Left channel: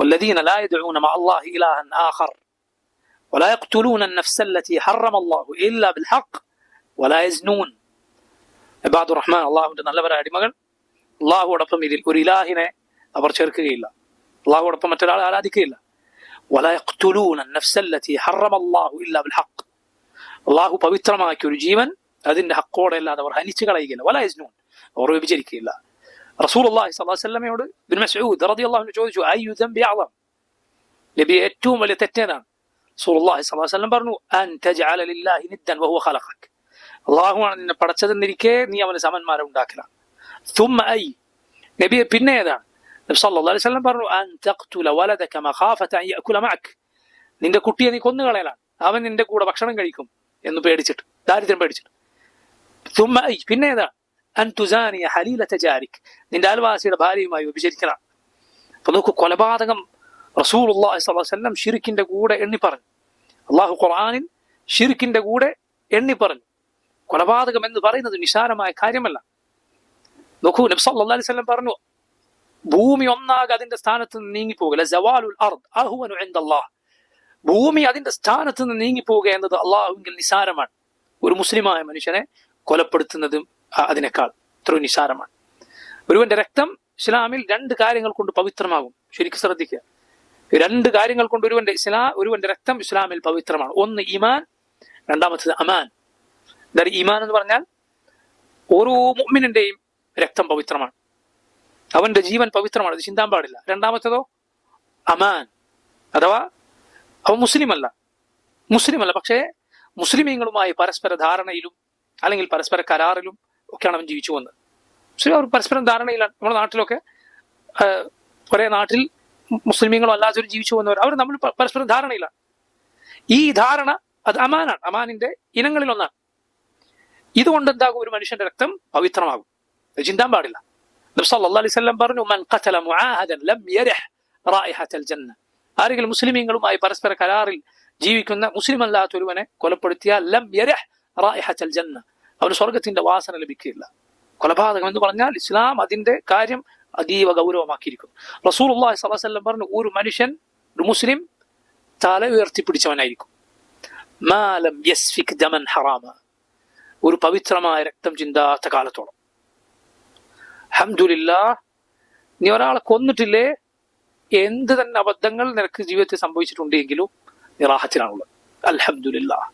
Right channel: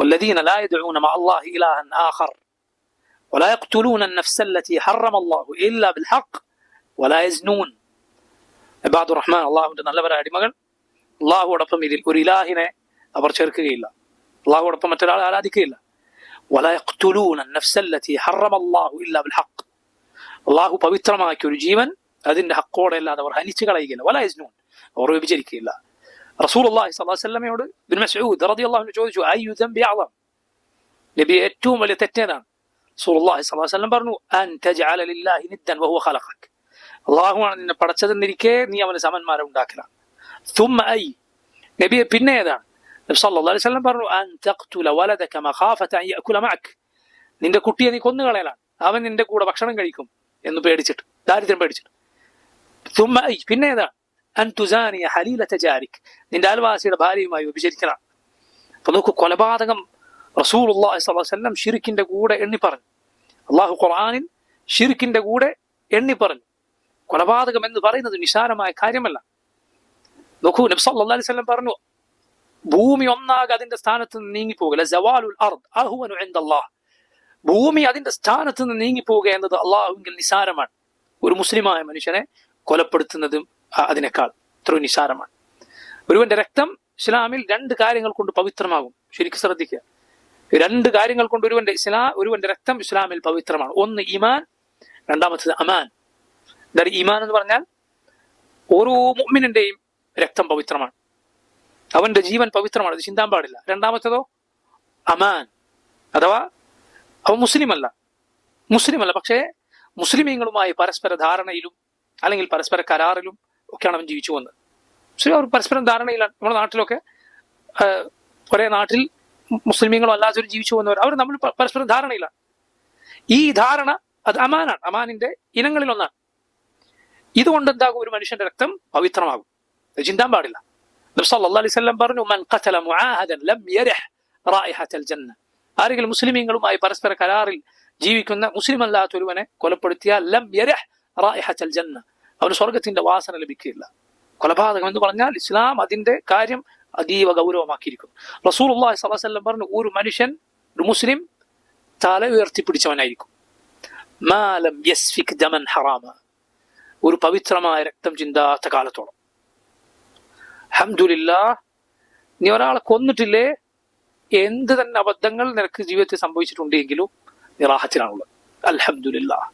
والذين لا يدعون مع الله إلها آخر ولا يقتلون النفس التي حرم الله إلا بالحق ولا يزنون. ഇബാദുർ റഹ്മാൻ, അള്ളാഹുവിന്റെ നല്ലവരായ അടിമകൾ അള്ളാഹുവോടൊപ്പം ഇതിൽ ഒരു ഇലാഹിനെ അവർ ചേർക്കുകയില്ല, അള്ളാഹുവോടൊപ്പം മറ്റൊരാളെ ആരാധിക്കുകയില്ല. ولا يقتلون النفس التي حرم الله إلا بالحق. അള്ളാഹു പവിത്രമാക്കിയ ഒരു ജീവൻ അതിന്റെ ഹക്കോടെ അല്ലാതെ അവർ ഹനിച്ചു കളയുകയില്ല. വല യസ്നൂൻ, അവർ വ്യഭിചരിക്കുകയില്ല. റസൂലുള്ളാഹി സ്വല്ലല്ലാഹു അലൈഹി വസല്ലമയോട് ഇബ്നു മസ്ഊദ് റളിയല്ലാഹു അൻഹു ചോദിച്ചു, അയ്യു ദംബി അഅ്ളം, നബി ഏറ്റവും വലിയ തെറ്റേതാണ്? റസൂലുള്ളാഹി സ്വല്ലല്ലാഹു അലൈഹി വസല്ലം പറഞ്ഞു, അൻ തജ്അല ലില്ലാഹി നിദ്ദൻ വഹുവ ഖലഖക്, അള്ളാഹുവാണ് നിന്നെ പടച്ചതെന്നിരിക്കെ നീ അവന് സമന്മാരെ ഉണ്ടാക്കില്ല. ثم أي, നബിയെ പിന്നെ ഏതാണ്? നബി സല്ലല്ലാഹു അലൈഹി വസല്ലം പറഞ്ഞു, അൻ തഖ്തുല വലദക മഖാഫത അൻ യഅകുല മഅക്, നിന്റെ കുട്ടിയെ നീ കൊന്നുകളയലാണ്, അവൻ നിന്റെ കൂടെ ഭക്ഷണം കഴിക്കും എന്ന് പേടിച്ചിട്ട്, ദാരിദ്ര്യം പേടിച്ചിട്ട്. ثم أي, പിന്നെ ഏതാണ്? അൻ തുസാനിയ ഹലീലത ജാരിക്, നിന്റെ അയൽവാസിയുടെ ഭാര്യയുമായി വ്യഭിചരിക്കണം. അപ്പൊ നോക്കൂ, കൊലപാതകം റസൂലുള്ളാഹി സ്വല്ലല്ലാഹു അലൈഹി വസല്ലം ശിർക്കിന്റെ കൂടെ എണ്ണി പറഞ്ഞു. അള്ളാഹു ഖുർആനിൽ ശിർക്കിന്റെ കൂടെ എണ്ണി പറഞ്ഞു. കൊലപാതകം എന്ന് പറയുന്നത് നിസ്സാരമായ കാര്യമല്ല. നോക്കൂ, നബി സല്ലല്ലാഹു അലൈഹി വസല്ലം പറഞ്ഞു, ഭൂമി ഒന്നാകെ അതിന്റെ സ്ഥാനത്ത് നിന്ന് നീങ്ങിപ്പോകല, സവാലുൽ അർദ് അഹ്വനു ഇൻദല്ലാഹ്, ഭൂമി അതിന്റെ സ്ഥാനത്ത് നിന്ന് നീങ്ങിപ്പോവുക എന്നത് അള്ളാഹുവിൽ നിസ്സാരമാണ്. ഒരു മുസ്ലിമായ മനുഷ്യനെ കൊലപ്പെടുത്തുന്നതും അതിനേക്കാൾ എത്രയോ നിസ്സാരമാണ്. ഒരുവന്റെ രക്തം ഇസ്ലാമിൽ 2 കാര്യങ്ങൾ കൊണ്ട് പവിത്രമാകും. ശരിക്കും ശ്രദ്ധിക്കുക, 2 കാര്യങ്ങൾ കൊണ്ട് ഒരുവന്റെ രക്തം ഇസ്ലാമിൽ പവിത്രമാണ്. ഒന്ന് ഈമാൻ, രണ്ടാമത്തത് അമാൻ. എന്താണ് ഈമാൻ എന്ന് പറഞ്ഞാൽ? ഓരോ മുഅ്മിനിന്റെയും രക്തം പവിത്രമാണ്, അവന്റെ ജീവൻ പവിത്രമാണ്, അത് ചിന്താൻ പാടില്ല. രണ്ടാമത്തതോ അമാൻ, അഥവാ അവൻ മുസ്ലിമല്ല, പക്ഷേ മുസ്ലിമീങ്ങളുമായി പരസ്പര ധാരണയിലും അല്ലെങ്കിൽ പരസ്പര കരാറിലും ഒക്കെയാണ് അവൻ ജീവിച്ചു വന്നത്. പക്ഷേ അവർ പരസ്പരം ധാരണയിലാണ്. നമ്മുടെ നാട്ടിലൊക്കെ ഒരേ നാട്ടിൽ മുസ്ലിമീങ്ങളും അല്ലാത്തവരും ജീവിച്ചു വന്നവർ, അവർ നമ്മൾ പരസ്പരം ധാരണയിലാണ്. ഈ ധാരണ അത് അമാനാണ്, അമാനിന്റെ ഇനങ്ങളിൽ ഒന്നാണ്. ഇതുകൊണ്ട് എന്താകും? ഒരു മനുഷ്യന്റെ രക്തം പവിത്രമാകും, ചിന്താൻ പാടില്ല. നബി സല്ലല്ലാഹു അലൈഹി വസല്ലം പറഞ്ഞു, മൻ ഖതല മുആഹദൻ ലം യരിഹ് റായിഹത്തൽ ജന്ന, ആരെങ്കിലും മുസ്ലിമീങ്ങളുമായി പരസ്പര കരാറിൽ ജീവിക്കുന്ന മുസ്ലിം അല്ലാത്ത ഒരുവനെ കൊലപ്പെടുത്തിയാൽ ലം യരിഹ് റായിഹത്തൽ ജന്ന, അവന് സ്വർഗത്തിന്റെ വാസന ലഭിക്കുകയില്ല. കൊലപാതകം എന്ന് പറഞ്ഞാൽ ഇസ്ലാം അതിന്റെ കാര്യം അതീവ ഗൗരവമാക്കിയിരിക്കുന്നു. റസൂലുള്ളാഹി സ്വല്ലല്ലാഹു അലൈഹി വസല്ലം പറഞ്ഞു, ഒരു മനുഷ്യൻ, ഒരു മുസ്ലിം തല ഉയർത്തിപ്പിടിച്ചവനായിരിക്കും, മാ ലം യസ്ഫിക് ദമൻ ഹറാമ, ഒരു പവിത്രമായ രക്തം ചിന്താത്ത കാലത്തോളം. അൽഹംദുലില്ലാഹ്, നീ ഒരാളെ കൊന്നിട്ടില്ലേ, എന്ത് തന്നെ അബദ്ധങ്ങൾ നിനക്ക് ജീവിതത്തിൽ സംഭവിച്ചിട്ടുണ്ടെങ്കിലും നീ റാഹത്തിലാണുള്ളത്. അൽഹംദുലില്ലാഹ്.